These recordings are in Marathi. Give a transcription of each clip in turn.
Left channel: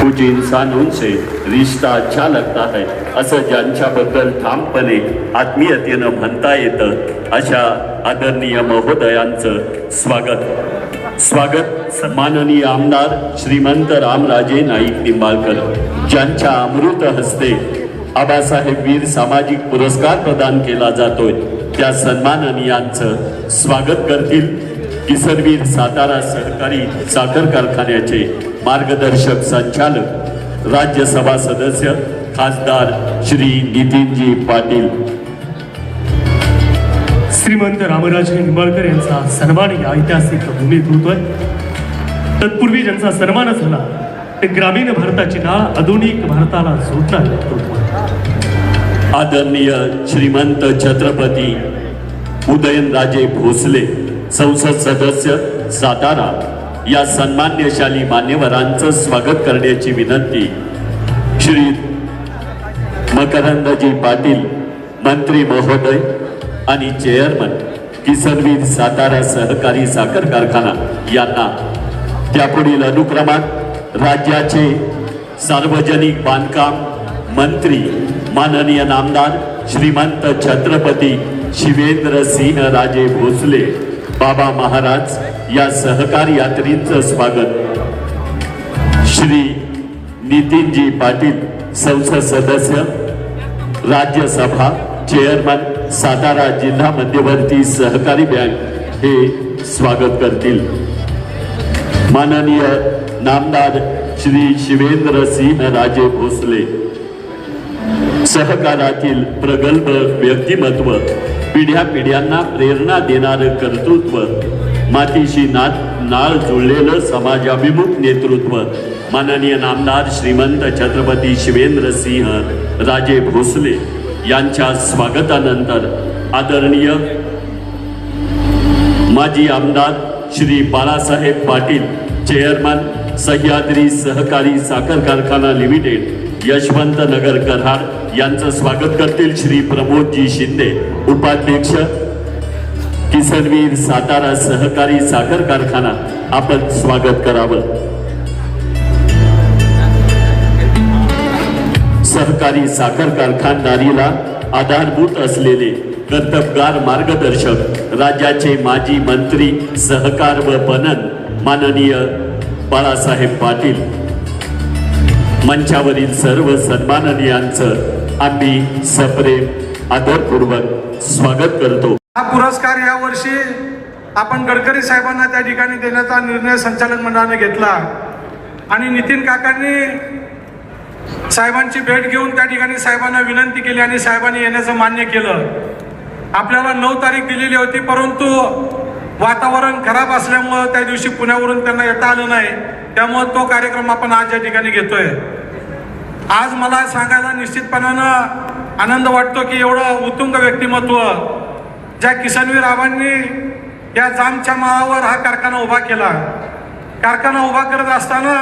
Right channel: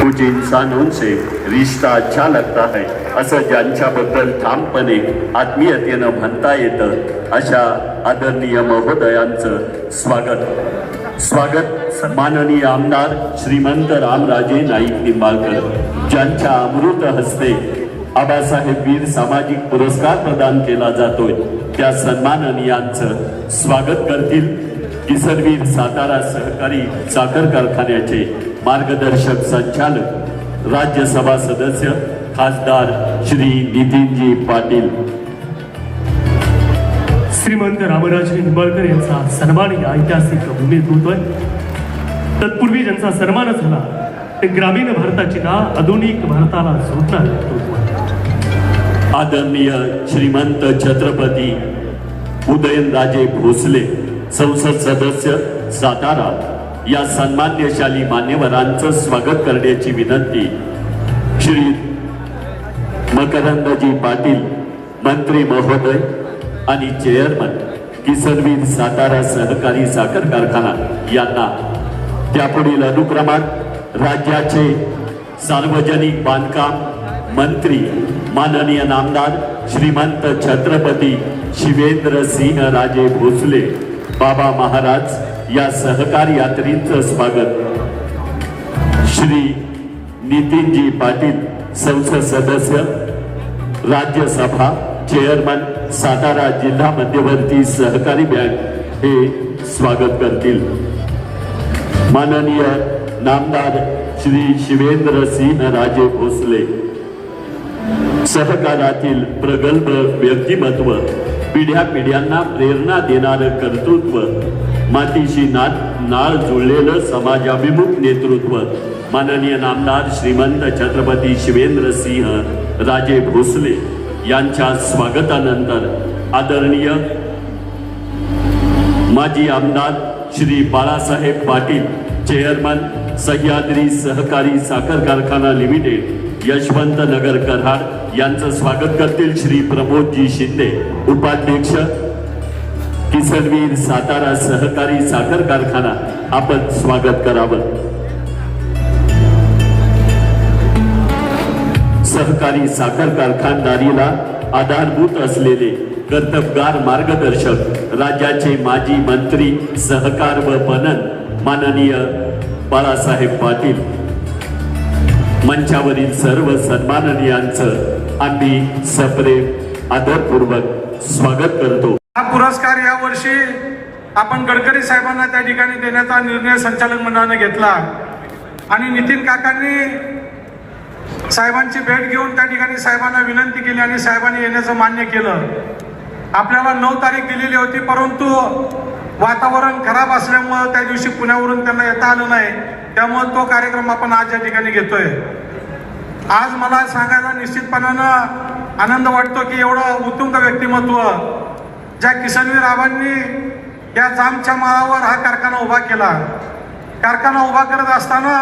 कुछ इंसानों से रिश्ता अच्छा लगता है असं ज्यांच्याबद्दल ठामपणे आत्मीयतेनं म्हणता येतं अशा आदरणीय महोदयांचं स्वागत माननीय आमदार श्रीमंत रामराजे नाईक निंबाळकर ज्यांच्या अमृत हस्ते आबासाहेब वीर सामाजिक पुरस्कार प्रदान केला जातोय त्या सन्माननीयांचं स्वागत करतील किसनवीर सातारा सहकारी साखर कारखान्याचे मार्गदर्शक संचालक राज्यसभा सदस्य खासदार श्री नितीनजी पाटील। श्रीमंत रामराजे निंबाळकर यांचा सन्मान या ऐतिहासिक भूमीत होतोय। तत्पूर्वी ज्यांचा सन्मान झाला ते ग्रामीण भारताची ना आधुनिक भारताला जोडतात। आदरणीय श्रीमंत छत्रपती उदयनराजे भोसले संसद सदस्य सातारा या सन्मान्यशाली मान्यवरांचं स्वागत करण्याची विनंती श्री मकरंदजी पाटील मंत्री महोदय आणि चेअरमन किसनवीर सातारा सहकारी साखर कारखाना यांना त्यापुढील अनुक्रमात राज्याचे सार्वजनिक बांधकाम मंत्री माननीय नामदार श्रीमंत छत्रपती शिवेंद्र सिंह राजे भोसले बाबा महाराज या सहकारी यात्रींचं स्वागत श्री नितीनजी पाटील संसद सदस्य राज्यसभा चेअरमन सातारा जिल्हा मध्यवर्ती सहकारी बँक हे स्वागत करतील। माननीय नामदार श्री शिवेंद्र सिंह राजे भोसले सहकारातील प्रगल्भ व्यक्तिमत्व पिढ्या पिढ्यांना प्रेरणा देणारं कर्तृत्व मातीशी नाळ जुळलेलं समाजाभिमुख नेतृत्व माननीय नामदार श्रीमंत छत्रपती शिवेंद्र सिंह राजे भोसले यांच्या स्वागतानंतर आदरणीय माजी आमदार श्री बाळासाहेब पाटील चेअरमन सह्याद्री सहकारी साखर कारखाना लिमिटेड यशवंत नगर कराड यांचं स्वागत करतील श्री प्रमोदजी शिंदे उपाध्यक्ष किसनवीर सातारा सहकारी साखर कारखाना आपण स्वागत करावं। सहकारी साखर कारखानदारीला आधारभूत असलेले कर्तबगार मार्गदर्शक राज्याचे माजी मंत्री सहकार व पणन माननीय बाळासाहेब पाटील मंचावरील सर्व सन्माननीयांचं आम्ही सप्रेम आदरपूर्वक स्वागत करतो। हा पुरस्कार या वर्षी आपण गडकरी साहेबांना त्या ठिकाणी देण्याचा निर्णय संचालक मंडळाने घेतला आणि नितीन काकांनी साहेबांची भेट घेऊन त्या ठिकाणी साहेबांना विनंती केली आणि साहेबांनी येण्याचं मान्य केलं। आपल्याला 9 तारीख दिलेली होती परंतु वातावरण खराब असल्यामुळे त्या दिवशी पुण्यावरून त्यांना येता आलं नाही, त्यामुळे तो कार्यक्रम आपण आज या ठिकाणी घेतोय। आज मला सांगायला निश्चितपणानं आनंद वाटतो की एवढं उत्तुंग व्यक्तिमत्व ज्या किसनवीर आबांनी या जामच्या माळावर हा कारखाना उभा केला। कारखाना उभा करत असताना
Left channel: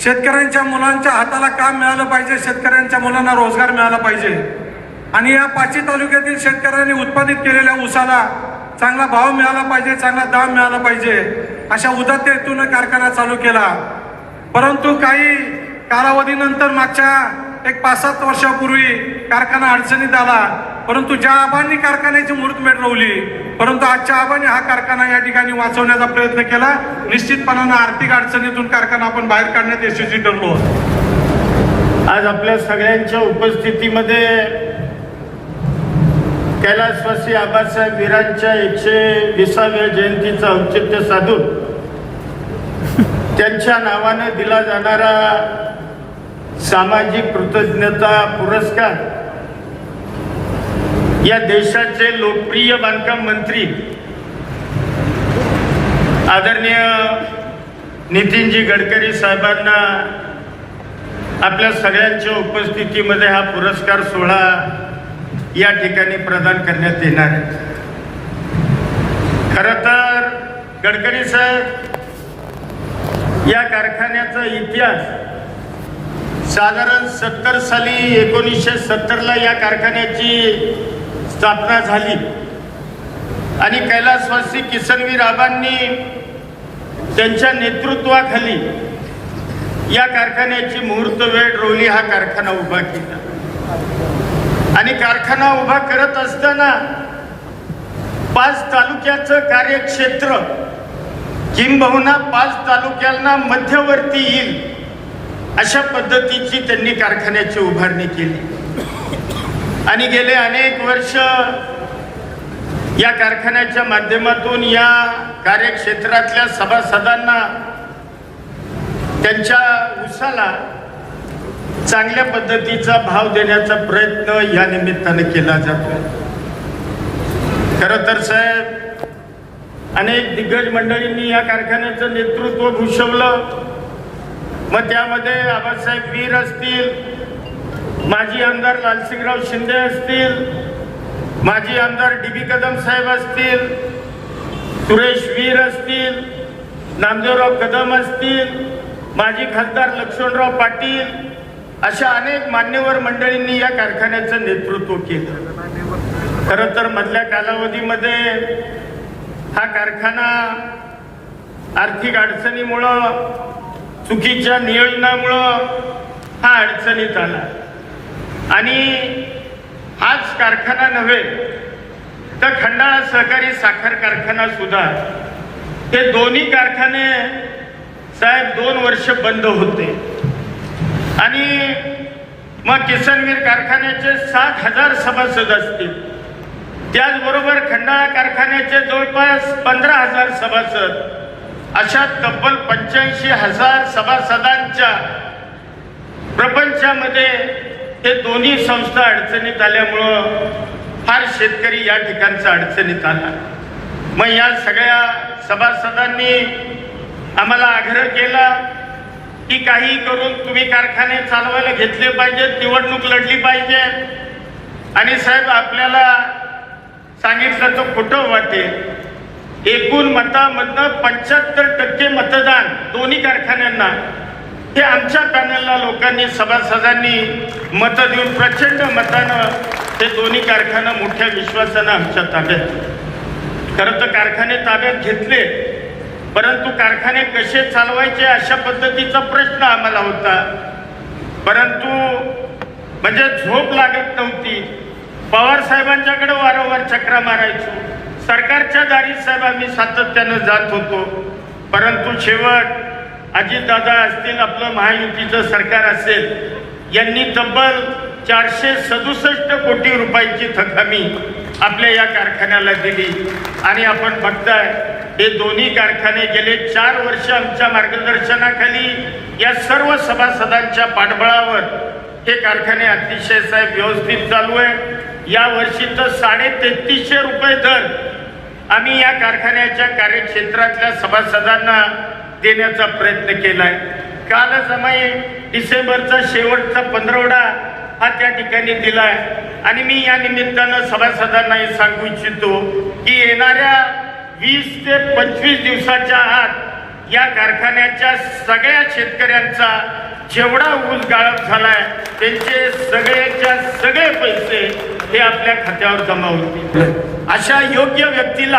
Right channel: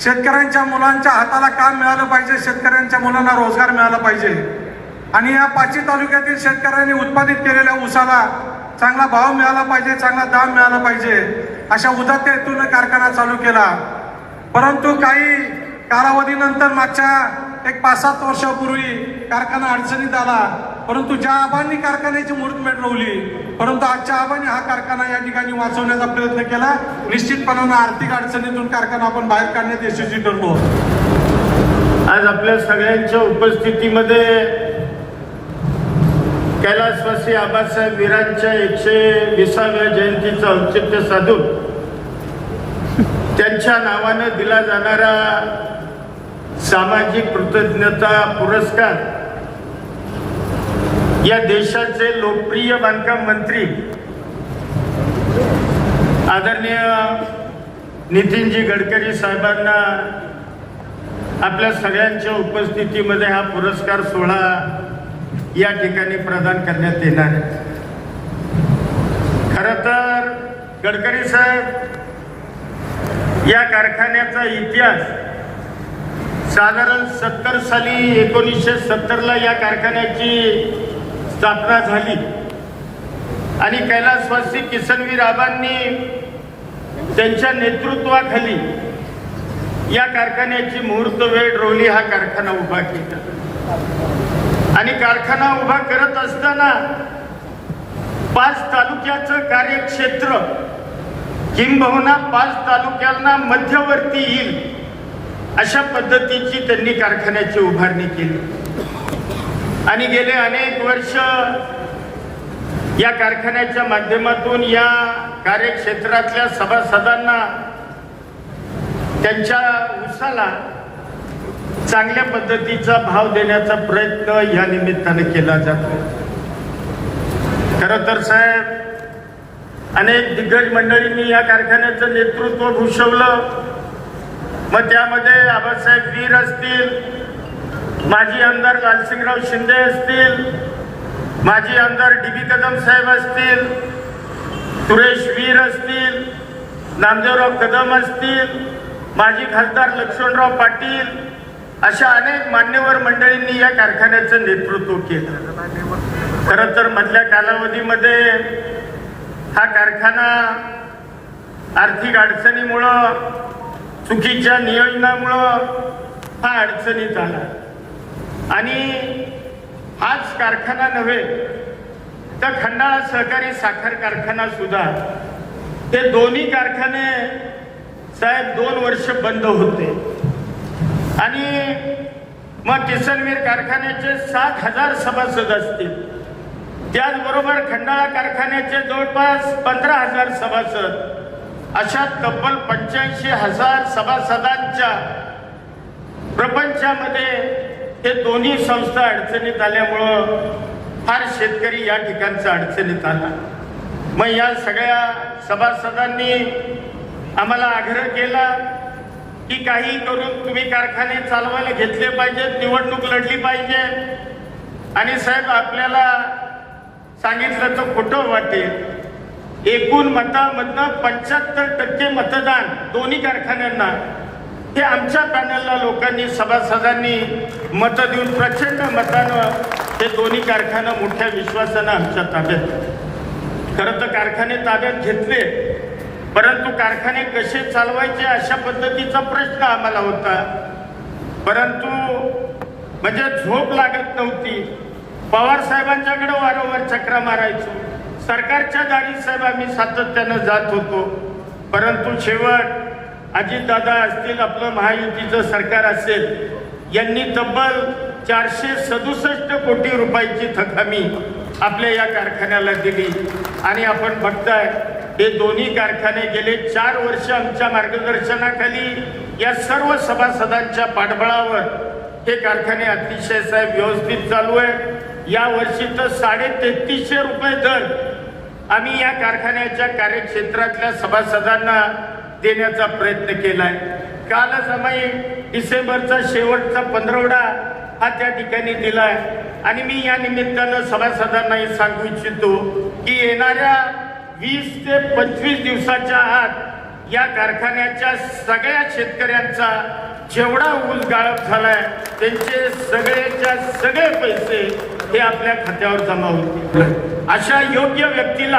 शेतकऱ्यांच्या मुलांच्या हाताला काम मिळालं पाहिजे, शेतकऱ्यांच्या मुलांना रोजगार मिळाला पाहिजे आणि या 5 तालुक्यातील शेतकऱ्यांनी उत्पादित केलेल्या ऊसाला चांगला भाव मिळाला पाहिजे, चांगला दाम मिळाला पाहिजे अशा उदात्तेतून कारखाना चालू केला। परंतु काही कालावधीनंतर मागच्या 5-7 वर्षापूर्वी कारखाना अडचणीत आला, परंतु ज्या आबांनी कारखान्याची मुहूर्तमेढ रोवली परंतु आजच्या आबांनी हा कारखाना या ठिकाणी वाचवण्याचा प्रयत्न केला। निश्चितपणाने आर्थिक अडचणीतून कारखाना आपण बाहेर काढण्यात यशस्वी ठरलो। आज आपल्या सगळ्यांच्या उपस्थितीमध्ये कैलासवासी आबासाहेब वीरांच्या 120व्या जयंतीचं औचित्य साधून त्यांच्या नावानं दिला जाणारा सामाजिक कृतज्ञता पुरस्कार या देशाचे लोकप्रिय बांधकाम मंत्री आदरणीय नितीनजी गडकरी साहेबांना आपल्या सगळ्यांच्या उपस्थितीमध्ये हा पुरस्कार सोहळा या ठिकाणी प्रदान करण्यात येणार। खरं तर गडकरी साहेब या कारखान्याचा इतिहास साधारण 70 साली 1970ला या कारखान्याची स्थापना झाली आणि कैलासवासी किसनवीर आबांनी त्यांच्या नेतृत्वाखाली या कारखान्याची मुहूर्त वेळ रोवली, हा कारखाना उभा केला. आणि कारखाना उभा करत असताना 5 तालुक्याचं कार्यक्षेत्र किंबहुना 5 तालुक्यांना मध्यवर्ती येईल अशा पद्धतीची त्यांनी कारखान्याची उभारणी केली. आणि गेले अनेक वर्ष या कारखान्याच्या माध्यमातून या कार्यक्षेत्रातल्या सभासदांना त्यांच्या ऊसाला चांगल्या पद्धतीचा भाव देण्याचा प्रयत्न या निमित्तानं केला जातो. खरं तर साहेब, अनेक दिग्गज मंडळींनी या कारखान्याचं नेतृत्व भूषवलं. मग त्यामध्ये आबासाहेब वीर असतील, माजी आमदार लालसिंगराव शिंदे असतील, माजी आमदार डी.बी. कदम साहेब असतील, सुरेश वीर असतील, नामदेवराव कदम असतील, माजी खासदार लक्ष्मणराव पाटील, अशा अनेक मान्यवर मंडळींनी या कारखान्याचं नेतृत्व केलं. खरं तर मधल्या कालावधीमध्ये हा कारखाना आर्थिक अडचणीमुळं, चुकीच्या नियोजनामुळं हा अडचणीत आला. आणि हाच कारखाना नव्हे तर खंडाळा सहकारी साखर कारखाना सुद्धा, ते दोन्ही कारखाने साहेब 2 वर्ष बंद होते. आणि मग किसनगीर कारखान्याचे 7,000 सभासद असतील, त्याचबरोबर खंडाळा कारखान्याचे जवळपास 15,000 सभासद, अशा तब्बल 85,000 सभासदांच्या प्रपंचामध्ये हे दोन्ही संस्था अडचणीत आल्यामुळं फार शेतकरी या ठिकाणचा अडचणीत आला. मग या सगळ्या सभासदांनी आम्हाला आग्रह केला की काही करून तुम्ही कारखाने चालवायला घेतले पाहिजेत, निवडणूक लढली पाहिजे. आणि साहेब, आपल्याला सांगितलं तर खोटं वाटेल, एकूण मतामधनं 75% मतदान दोन्ही कारखान्यांना हे आमच्या पॅनलला लोकांनी, सभासदांनी मतं देऊन प्रचंड मतानं हे दोन्ही कारखाने मोठ्या विश्वासानं आमच्या ताब्यात. खरं तर कारखाने ताब्यात घेतले, परंतु कारखाने कसे चालवायचे अशा पद्धतीचा प्रश्न आम्हाला होता. परंतु म्हणजे झोप लागत नव्हती. पवार साहेबांच्याकडे वारंवार चक्रा मारायचो, सरकारच्या दारी साहेब आम्ही सातत्यानं जात होतो. परंतु शेवट अजितदादा असतील, आपलं महायुतीचं सरकार असेल, यांनी तब्बल 467 कोटी रुपयाची थकामी आपल्या या कारखान्याला दिली. आणि आपण बघताय हे दोन्ही कारखाने गेले 4 वर्ष आमच्या मार्गदर्शनाखाली या सर्व सभासदांच्या पाठबळावर हे कारखाने अतिशय साहेब व्यवस्थित चालू आहे. या वर्षी तर 3350 रुपये दर आम्ही या कारखान्याच्या कार्यक्षेत्रातल्या सभासदांना देण्याचा प्रयत्न केलाय. कालच आम्ही डिसेंबरचा शेवटचा 15वडा हा त्या ठिकाणी दिलाय. आणि मी या निमित्तानं सभासदांना हे सांगू इच्छितो की येणाऱ्या 20 ते 25 दिवसाच्या आत या कारखान्याच्या सगळ्या शेतकऱ्यांचा जेवढा ऊस गाळप झालाय त्यांचे सगळेच्या सगळे पैसे हे आपल्या खात्यावर जमा होतील. अशा योग्य व्यक्तीला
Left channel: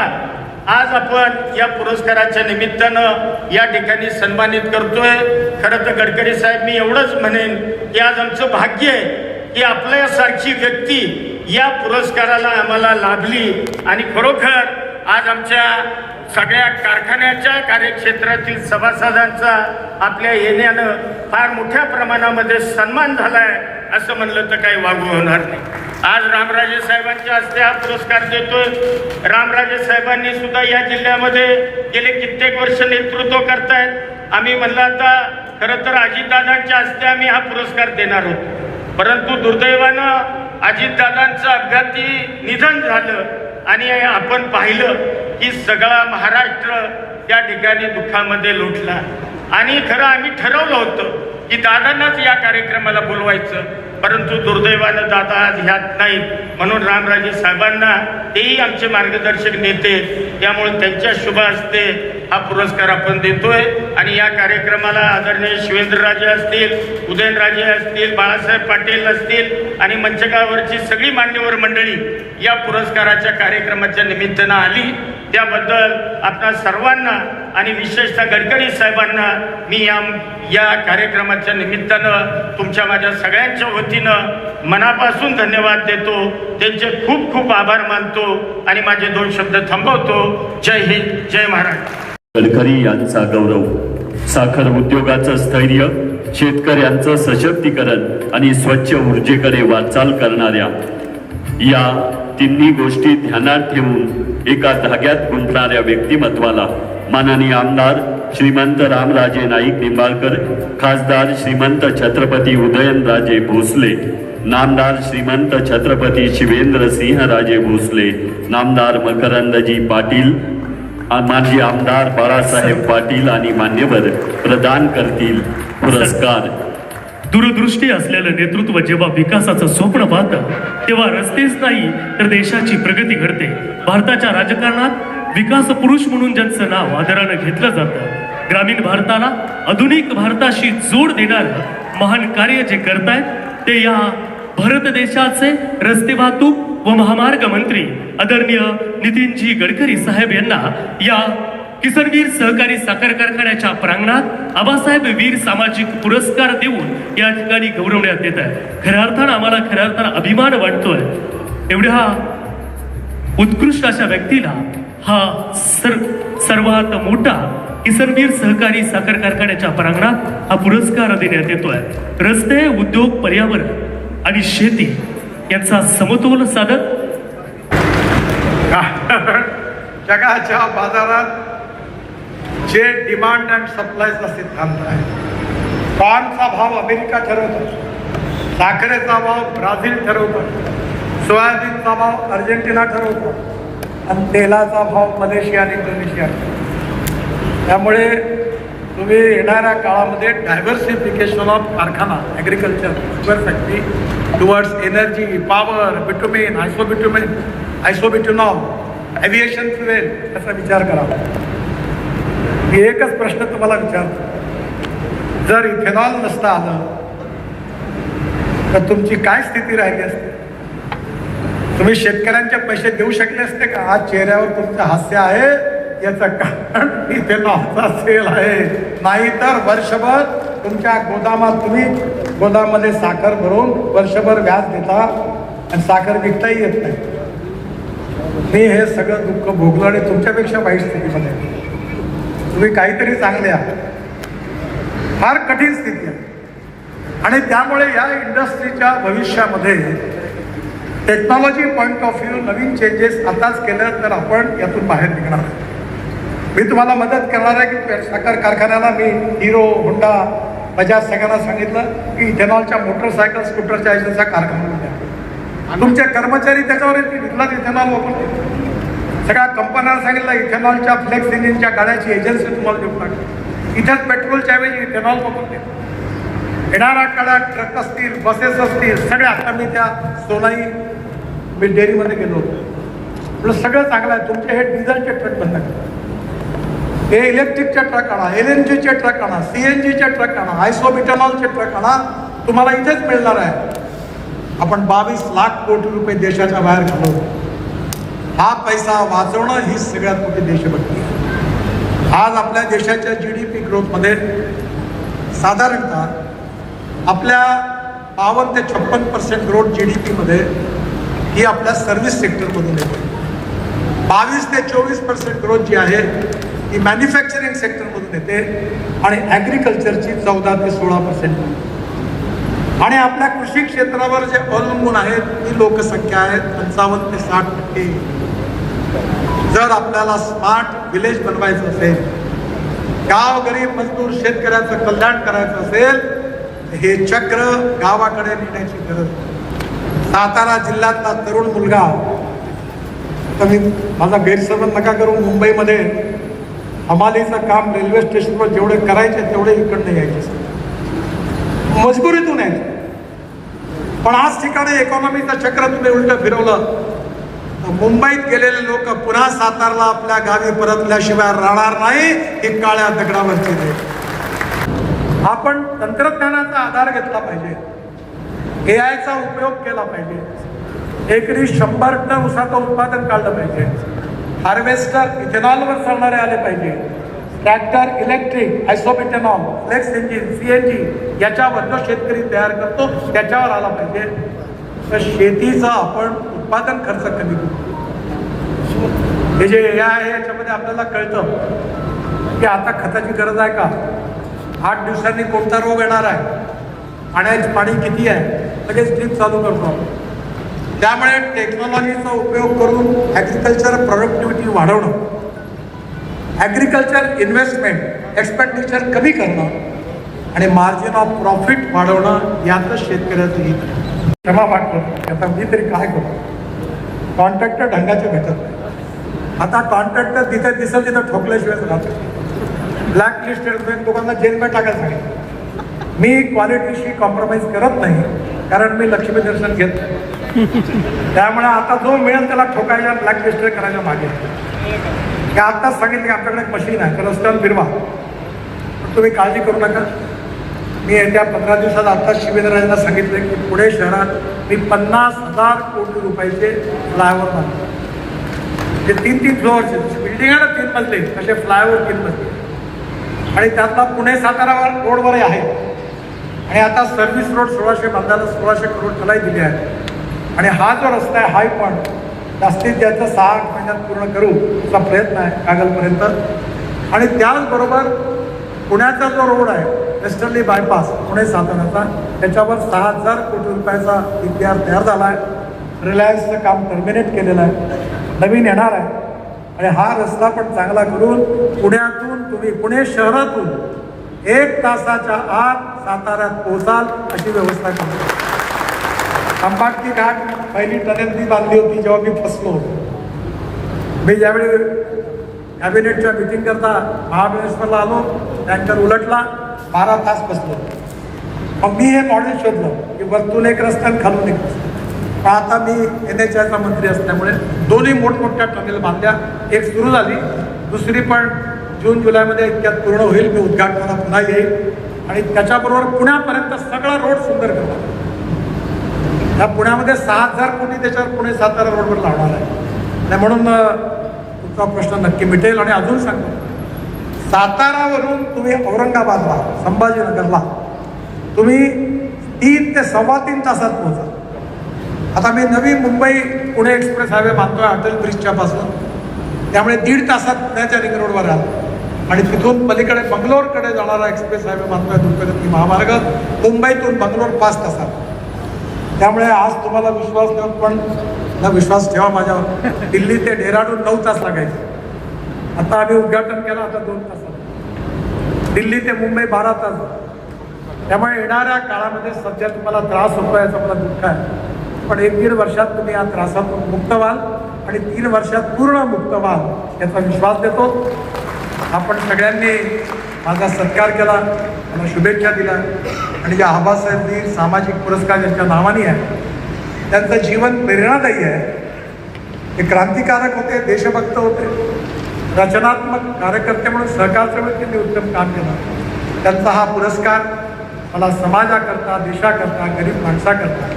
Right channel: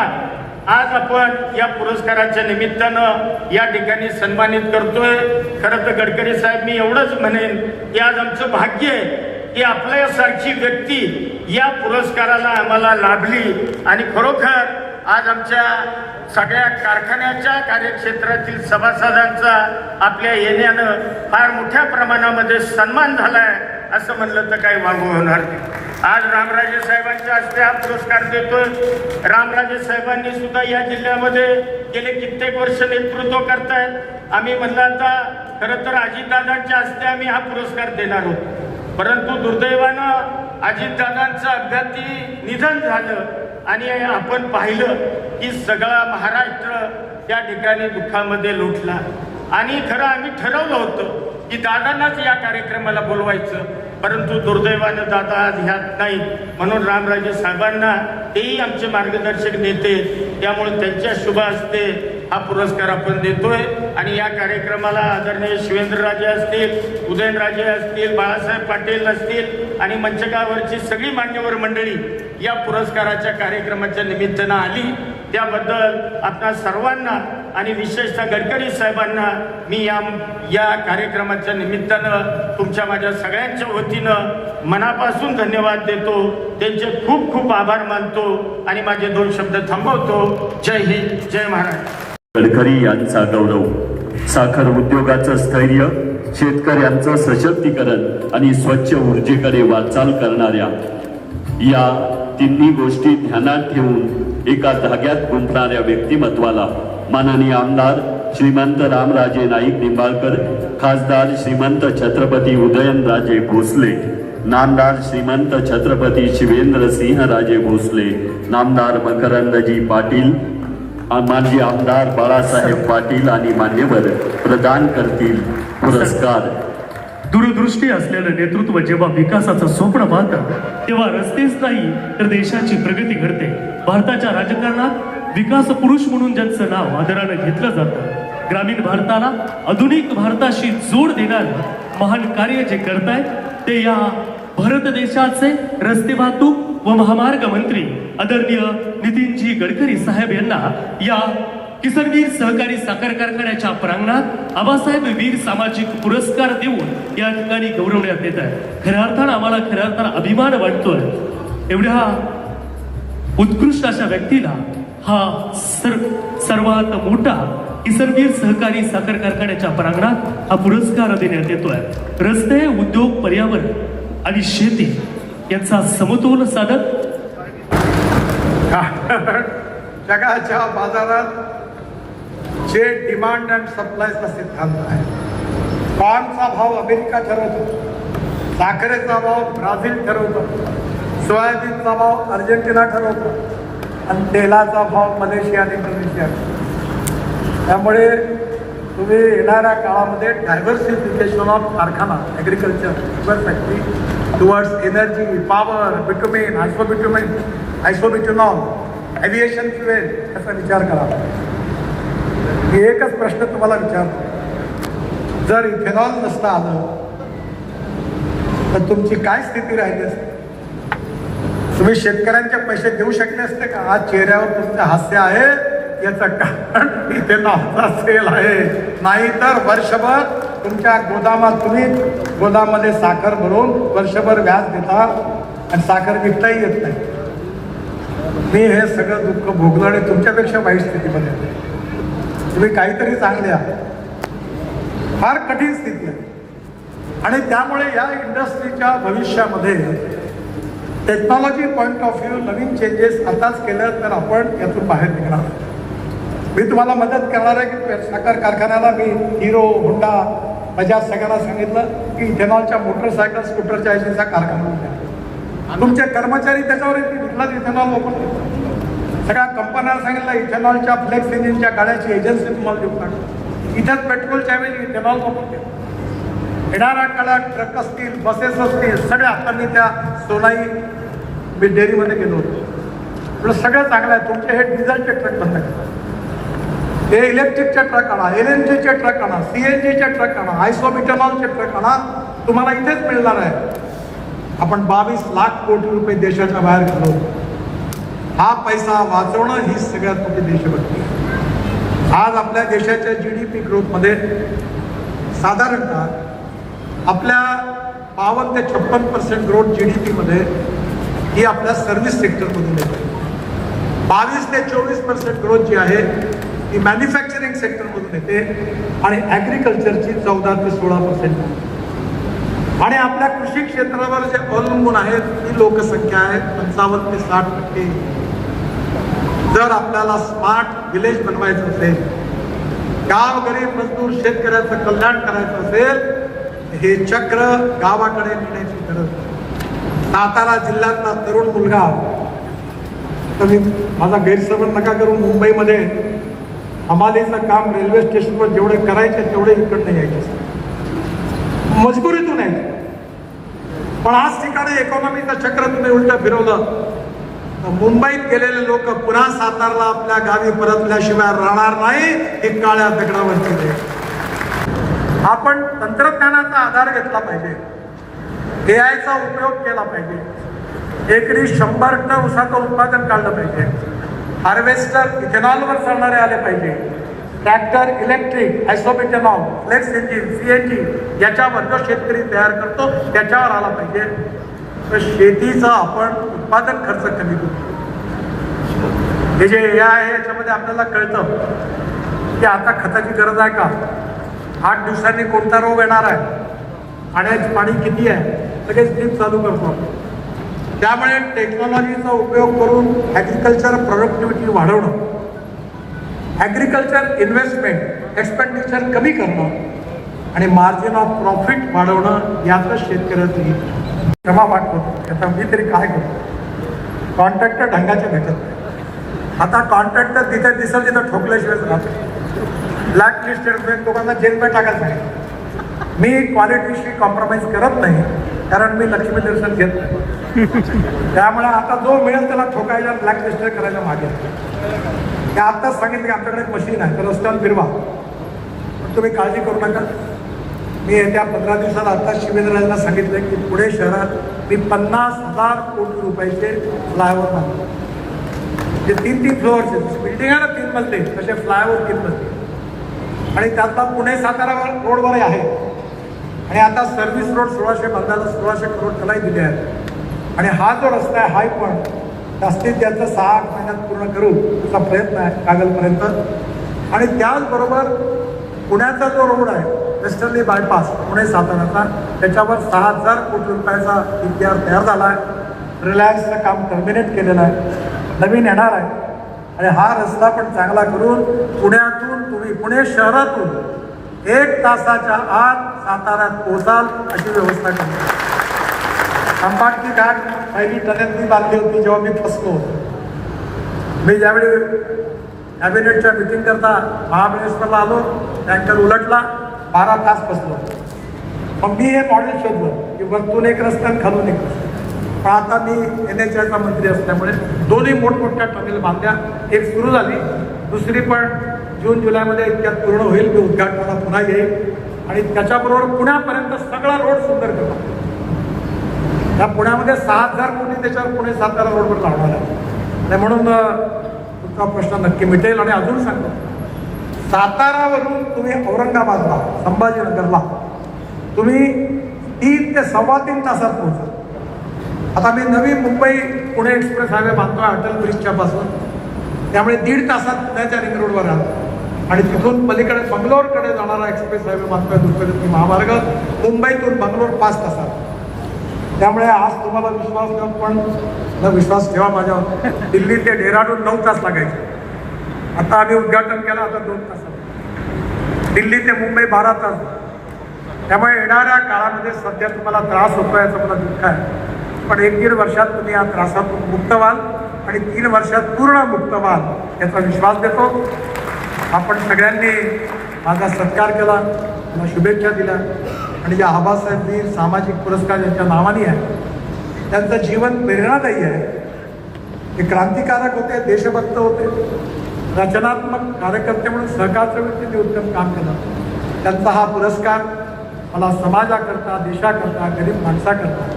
आज आपण या पुरस्काराच्या निमित्तानं या ठिकाणी सन्मानित करतोय. खरं तर गडकरी साहेब, मी एवढंच म्हणेन की आज आमचं भाग्य आहे की आपल्यासारखी व्यक्ती या पुरस्काराला आम्हाला लाभली. आणि खरोखर आज आमच्या सगळ्या कारखान्याच्या कार्यक्षेत्रातील सभासदांचा आपल्या येण्यानं फार मोठ्या प्रमाणामध्ये सन्मान झालाय असं म्हणलं तर काही वावगं होणार नाही. आज रामराजे साहेबांच्या हस्ते हा पुरस्कार देतोय. रामराजे साहेबांनी सुद्धा या जिल्ह्यामध्ये गेले कित्येक वर्ष नेतृत्व करतायत. आम्ही म्हणलं आता खरं तर अजितदादांच्या हस्ते आम्ही हा पुरस्कार देणार आहोत, परंतु दुर्दैवानं अजितदादांचं अपघाती निधन झालं आणि आपण पाहिलं की सगळा महाराष्ट्र त्या ठिकाणी दुःखामध्ये लोटला. आणि खरं आम्ही ठरवलं होतं की दादांनाच या कार्यक्रमाला बोलवायचं, परंतु दुर्दैवानं दादा आज ह्यात नाहीत. म्हणून रामराजे साहेबांना, तेही आमचे मार्गदर्शक नेते, त्यामुळे त्यांच्या शुभ हस्ते हा पुरस्कार आपण देतोय. आणि या कार्यक्रमाला आदरणीय शिवेंद्रराजे असतील, उदयनराजे असतील, बाळासाहेब पाटील असतील आणि मंचकावरची सगळी मान्यवर मंडळी या पुरस्काराच्या कार्यक्रमाच्या निमित्तानं आली, त्याबद्दल आपणा सर्वांना आणि विशेषतः गडकरी साहेबांना मी या कार्यक्रमाच्या निमित्तानं तुमच्या माझ्या सगळ्यांच्या वतीनं मनापासून धन्यवाद देतो. त्यांचे खूप खूप आभार मानतो आणि माझे 2 शब्द थांबवतो. जय हिंद, जय महाराष्ट्र. गडकरी यांचा गौरव, साखर उद्योगाचं स्थैर्य, शेतकऱ्यांचं सशक्तीकरण आणि स्वच्छ ऊर्जेकडे वाटचाल करणाऱ्या या तिन्ही गोष्टी ध्यानात ठेवून एका धाग्यात गुंफणाऱ्या व्यक्तिमत्वाला माननीय आमदार श्रीमंत रामराजे नाईक निंबाळकर, खासदार श्रीमंत छत्रपती उदयनराजे भोसले, नामदार श्रीमंत छत्रपती शिवेंद्रसिंहराजे भोसले, नामदार मकरंदजी पाटील, माजी आमदार बाळासाहेब पाटील आणि मान्यवर प्रदान करतील पुरस्कार. दूरदृष्टी असलेलं नेतृत्व जेव्हा विकासाचं स्वप्न पाहतं तेव्हा रस्तेच नाही तर देशाची प्रगती घडते. भारताच्या राजकारणात विकास पुरुष म्हणून ज्यांचं नाव आदरानं घेतलं जातं, ग्रामीण भारताला आधुनिक भारताशी जोड देणारं महान कार्य जे करतायत ते या भारत देशाचे रस्ते वाहतूक व महामार्ग मंत्री आदरणीय नितीनजी गडकरी साहेब यांना या किसनवीर सहकारी साखर कारखान्याच्या प्रांगणात आबासाहेब वीर सामाजिक पुरस्कार देऊन या ठिकाणी गौरवण्यात येत आहे. खऱ्या अर्थानं आम्हाला खऱ्या अर्थानं अभिमान वाटतोय. एवढ्या उत्कृष्ट अशा व्यक्तीला हा सर्वात मोठा किसनवीर सहकारी साखर कारखान्याच्या प्रांगणात हा पुरस्कार देण्यात येतोय. रस्ते, उद्योग, पर्यावरण आणि शेती याचा समतोल साधत जगाच्या बाजारात जे डिमांड अँड सप्लायचा सिद्धांत आहे, कॉर्नचा भाव अमेरिका ठरवतो, साखरेचा भाव ब्राझील ठरवतो, सोयाबीनचा भाव अर्जेंटिना ठरवतो आणि तेलाचा भाव मलेशिया आणि इंडोनेशिया. त्यामुळे तुम्ही येणाऱ्या काळामध्ये डायव्हर्सिफिकेशन ऑफ कारखाना, agriculture, sugar factory towards energy, power, bitumen, isobutanol, aviation fuel याचा विचार करा. मी एकच प्रश्न तुम्हाला विचारतो, जर इथेनॉल नसतं आलं तर तुमची काय स्थिती राहिली असते? तुम्ही शेतकऱ्यांचे पैसे देऊ शकले असते का? आज चेहऱ्यावर तुमचं हास्य आहे याचं कारण इथेनॉलचा सेल आहे. नाहीतर वर्षभर तुमच्या गोदामात तुम्ही गोदाममध्ये साखर भरून वर्षभर व्याज देता आणि साखर विकताही येत नाही. मी हे सगळं दुःख भोगलं आणि तुमच्यापेक्षा वाईट स्थितीमध्ये. तुम्ही काहीतरी चांगले आहात, फार कठीण स्थिती आहे आणि त्यामुळे या इंडस्ट्रीच्या भविष्यामध्ये technology point of view Naveen changes आताच केलं तर आपण यातून बाहेर निघणार. मी तुम्हाला मदत करणार आहे की साखर कारखान्याला मी हिरो, होंडा, बजाज सगळ्यांना सांगितलं की इथेनॉलच्या मोटरसायकल, स्कूटरच्या याचा कारखाना द्या. तुमचे कर्मचारी त्याच्यावर विकलात इथेनॉल वापरतो. सगळ्या कंपन्यांना सांगितलं इथेनॉलच्या फ्लेक्स इंजिनच्या गाड्याची एजन्सी तुम्हाला देऊन टाकली. इथं पेट्रोलच्या वेळी इथेनॉल वापरते. येणाऱ्या काळात ट्रक असतील, बसेस असतील, सगळ्या. आता मी त्या सोनाई मी डेअरीमध्ये गेलो होतो. सगळं चांगलं आहे. तुमचे हे डिझेलचे ट्रक बंद करा, हे इलेक्ट्रिकचे ट्रक आणा, LNGचे ट्रक आणा, CNGचे ट्रक आणा, आयसोबिटनॉलचे ट्रक आणा. तुम्हाला इथेच मिळणार आहे. आपण 22 लाख कोटी रुपये देशाच्या बाहेर घालवतो. हा पैसा वाचवणं ही सगळ्यात मोठी देशभक्ती. आज आपल्या देशाच्या GDP ग्रोथमध्ये साधारणतः आपल्या 52 ते 56% ग्रोथ GDP मध्ये ही आपल्या सर्व्हिस सेक्टरमधून येते. 22 ते 24% ग्रोथ जी आहे ती मॅन्युफॅक्चरिंग सेक्टरमधून येते आणि ॲग्रिकल्चरची 14 ते 16%. आणि आपल्या कृषी क्षेत्रावर जे अवलंबून आहेत ती लोकसंख्या आहे 55 ते 60%. जर आपल्याला स्मार्ट विलेज बनवायचं असेल, गाव गरीब मजदूर शेतकऱ्याचं कल्याण करायचं असेल, हे चक्र गावाकडे नेण्याची गरज. सातारा जिल्ह्यातला तरुण मुलगा, तर मी माझा गैरसमज नका करून, मुंबईमध्ये हमालीचं काम रेल्वे स्टेशनवर जेवढे करायचे तेवढे इकडे यायचे, मजबुरीतून यायचे. पण आज ठिकाणी इकॉनॉमीचं चक्र तुम्ही उलट फिरवलं, मुंबईत गेलेले लोक पुन्हा सातारला आपल्या गावी परतल्याशिवाय राहणार नाही. हे काळ्या दगडावरचे लोक. आपण तंत्रज्ञानाचा आधार घेतला पाहिजे, AIचा उपयोग केला पाहिजे. एकरी 100 टन ऊसाचं उत्पादन काढलं पाहिजे. हार्वेस्टर इथेनॉलवर चालणारे आले पाहिजे. Tractor electric, isopentanol, flex engine, CNG याच्यावर जो शेतकरी तयार करतो त्याच्यावर आला पाहिजे. तर शेतीचं आपण उत्पादन खर्च कमी करू. हे जे आहे याच्यामध्ये आपल्याला कळतं की आता खताची गरज आहे का, 8 दिवसांनी कोणता रोग येणार आहे, पाण्याची पाणी किती आहे, लगेच ड्रीप चालू करतो आपण. त्यामुळे टेक्नॉलॉजीचा उपयोग करून ॲग्रिकल्चर प्रोडक्टिव्हिटी वाढवणं, ॲग्रिकल्चर इन्व्हेस्टमेंट एक्सपेंडिचर कमी करणं आणि मार्जिन ऑफ प्रॉफिट वाढवणं यातच शेतकऱ्याचं हित. क्षमा मागतो, आता मी तरी काय करतो, कॉन्ट्रॅक्टर ढंगाचे भेटत. आता कॉन्ट्रॅक्टर तिथे दिसेल तिथं ठोकल्याशिवाय राहतो. ब्लॅक लिस्टेड लोकांना जेलमध्ये टाकायचं सांगितलं. मी क्वालिटीशी कॉम्प्रोमाइज करत नाही, कारण मी लक्ष्मी दर्शन घेत नाही. त्यामुळे आता जो मिळेल त्याला ठोकायला, ब्लॅक लिस्टेड करायला मागे. की आत्ताच सांगितलं की आपल्याकडे एक मशीन आहे, त्याला स्टंप फिरवा, तुम्ही काळजी करू नका. मी येत्या 15 दिवसात आत्ता शिवेंद्रराजांना सांगितलं की पुणे शहरात मी 50,000 कोटी रुपयाचे फ्लायओव्हर बांधतो. जे 3-3 फ्लोअरचे बिल्डिंग आहे ना, 3 मजले, असे फ्लायओव्हर 3 मजले. आणि त्यातला पुणे सातारा रोडवरही आहे. आणि आता सर्व्हिस रोड 1600 बांधायला 1600 करोड त्यालाही दिले आहे. आणि हा जो रस्ता आहे हाही पण जास्तीत जास्त 6-8 महिन्यात पूर्ण करू असा प्रयत्न आहे कागलपर्यंत. आणि त्याचबरोबर पुण्याचा जो रोड आहे वेस्टर्नली बायपास पुणे साताराचा, त्याच्यावर 6,000 कोटी रुपयाचा इतिहास तयार झाला आहे. रिलायन्सचं काम टर्मिनेट केलेलं आहे, नवीन येणार आहे. आणि हा रस्ता पण चांगला करून पुण्यातून तुम्ही पुणे शहरातून 1 तासाच्या आत साताऱ्यात पोहोचाल अशी व्यवस्था केली. अंबाटकी घाट पहिली टनेल मी बांधली होती जेव्हा मी फसलो होतो. मी ज्यावेळी कॅबिनेटच्या मिटिंग करता महाबळेश्वरला आलो, टँकर उलटला, 12 तास फसलो. मग मी हे मॉडेल शोधलो की वरतून एक रस्ता आणि खालून एक रस्ता. आता मी NHAचा मंत्री असल्यामुळे दोन्ही मोठमोठ्या टनेल बांधल्या. एक सुरू झाली, दुसरी पण जून-जुलैमध्ये त्यात पूर्ण होईल. मी उद्घाटनाला पुन्हा येईल आणि त्याच्याबरोबर पुण्यापर्यंत सगळा रोड सुंदर केला. या पुण्यामध्ये 6,000 कोटी त्याच्यावर पुणे सातारा रोडवर लावणार आहे. आणि म्हणून तुमचा प्रश्न नक्की मिटेल. आणि अजून सांगतो, सातारावरून तुम्ही औरंगाबादला, संभाजीनगरला तुम्ही 3 ते 3.25 तासात पोहोचा. आता मी नवी मुंबई पुणे एक्सप्रेस हायवे बांधतोय अटल ब्रिजच्या पासून, त्यामुळे 1.5 तासात पुण्याच्या रिंग रोडवर राहतो. आणि तिथून पलीकडे बंगलोरकडे जाणारा एक्सप्रेस हायवे बांधतोय दुसरी महामार्ग, मुंबईतून बंगलोर 5 तासात. त्यामुळे आज तुम्हाला विश्वास देऊन पण न विश्वास ठेवा माझ्यावर. दिल्ली ते डेहराडून 9 तास लागायचे, आता आम्ही उद्घाटन केलं, आता 2 तासात. दिल्ली ते मुंबई 12 तास. त्यामुळे येणाऱ्या काळामध्ये सध्या तुम्हाला त्रास होतो याचं मला दुःख आहे, पण 1-1.5 वर्षात तुम्ही या त्रासातून मुक्त व्हाल आणि 3 वर्षात पूर्ण मुक्त व्हाल याचा विश्वास देतो. आपण सगळ्यांनी माझा सत्कार केला, मला शुभेच्छा दिल्या. आणि जे आबासाहेबजी सामाजिक पुरस्कार यांच्या नावाने आहे, त्यांचं जीवन प्रेरणादायी आहे. ते क्रांतिकारक होते, देशभक्त होते, रचनात्मक कार्यकर्ते म्हणून सहकारच्या व्यक्तीने उत्तम काम केलं. त्यांचा हा पुरस्कार मला समाजाकरता, देशाकरता, गरीब माणसाकरता,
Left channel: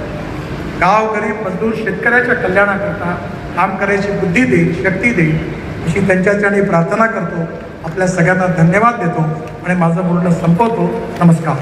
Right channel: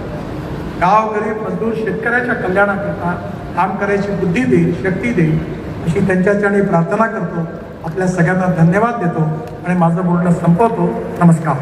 गाव गरीब मजदूर शेतकऱ्याच्या कल्याणाकरता काम करायची बुद्धी देईल, शक्ती देईल अशी त्यांच्याकडे प्रार्थना करतो. आपल्या सगळ्यांना धन्यवाद देतो आणि माझं बोलणं संपवतो. नमस्कार.